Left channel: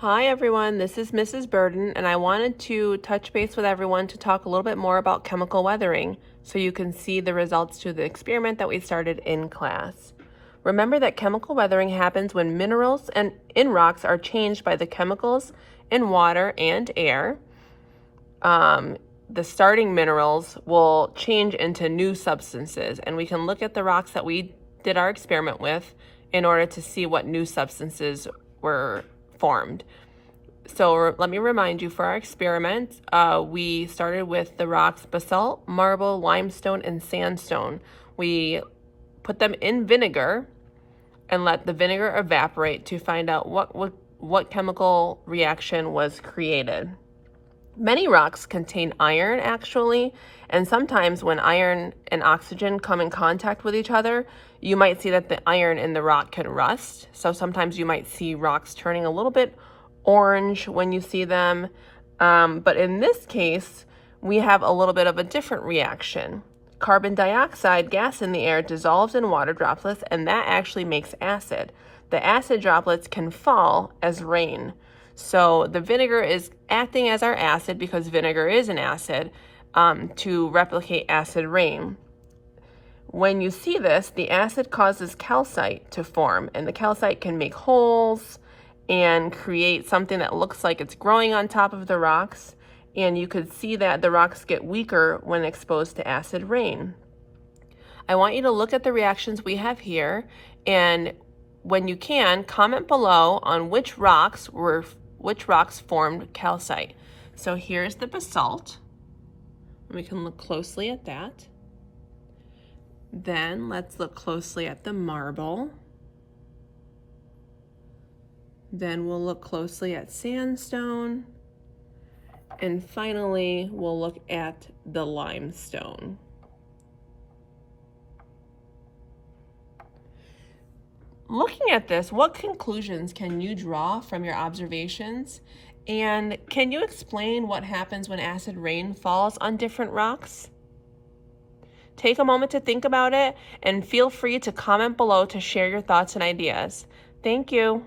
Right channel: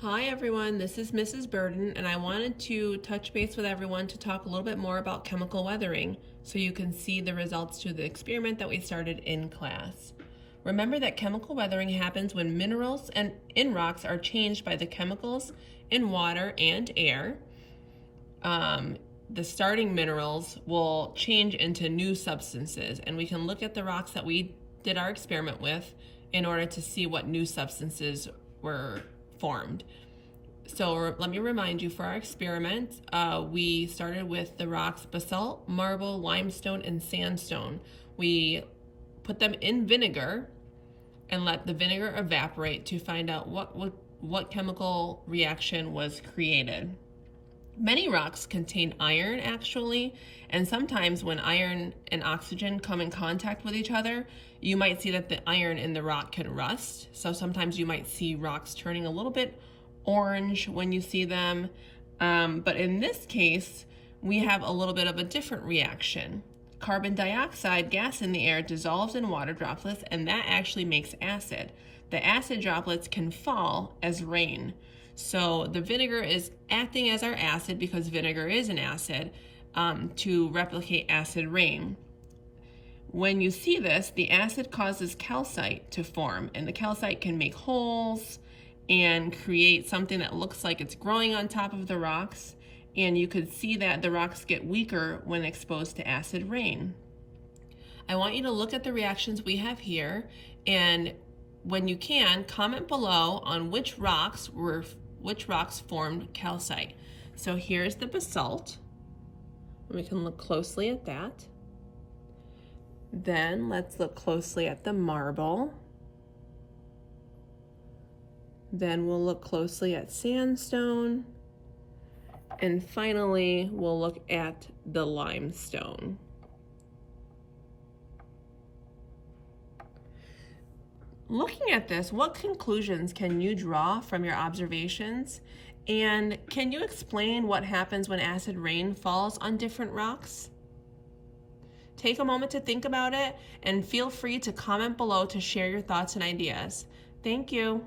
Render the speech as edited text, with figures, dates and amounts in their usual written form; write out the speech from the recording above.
Hi everyone, this is Mrs. Burden, and I wanted to touch base with everyone to talk a little bit more about chemical weathering so you can see the results to the experiment that we started in class. Remember that chemical weathering happens when minerals and in rocks are changed by the chemicals in water and air. The starting minerals will change into new substances, and we can look at the rocks that we did our experiment with in order to see what new substances were formed. So let me remind you, for our experiment, we started with the rocks basalt, marble, limestone, and sandstone. We put them in vinegar and let the vinegar evaporate to find out what chemical reaction was created. Many rocks contain iron actually, and sometimes when iron and oxygen come in contact with each other, you might see that the iron in the rock can rust. So sometimes you might see rocks turning a little bit orange when you see them. But in this case, we have a little bit of a different reaction. Carbon dioxide gas in the air dissolves in water droplets, and that actually makes acid. The acid droplets can fall as rain. So the vinegar is acting as our acid, because vinegar is an acid, to replicate acid rain. When you see this, the acid causes calcite to form, and the calcite can make holes and create something that looks like it's growing on top of the rocks. And you could see that the rocks get weaker when exposed to acid rain. I want you to look at the reactions we have here, and when you can, comment below on which rocks formed calcite. So here's the basalt. We can look closely at that. Then let's look closely at the marble. Then we'll look closely at sandstone. And finally, we'll look at the limestone. Looking at this, what conclusions can you draw from your observations? And can you explain what happens when acid rain falls on different rocks? Take a moment to think about it, and feel free to comment below to share your thoughts and ideas. Thank you.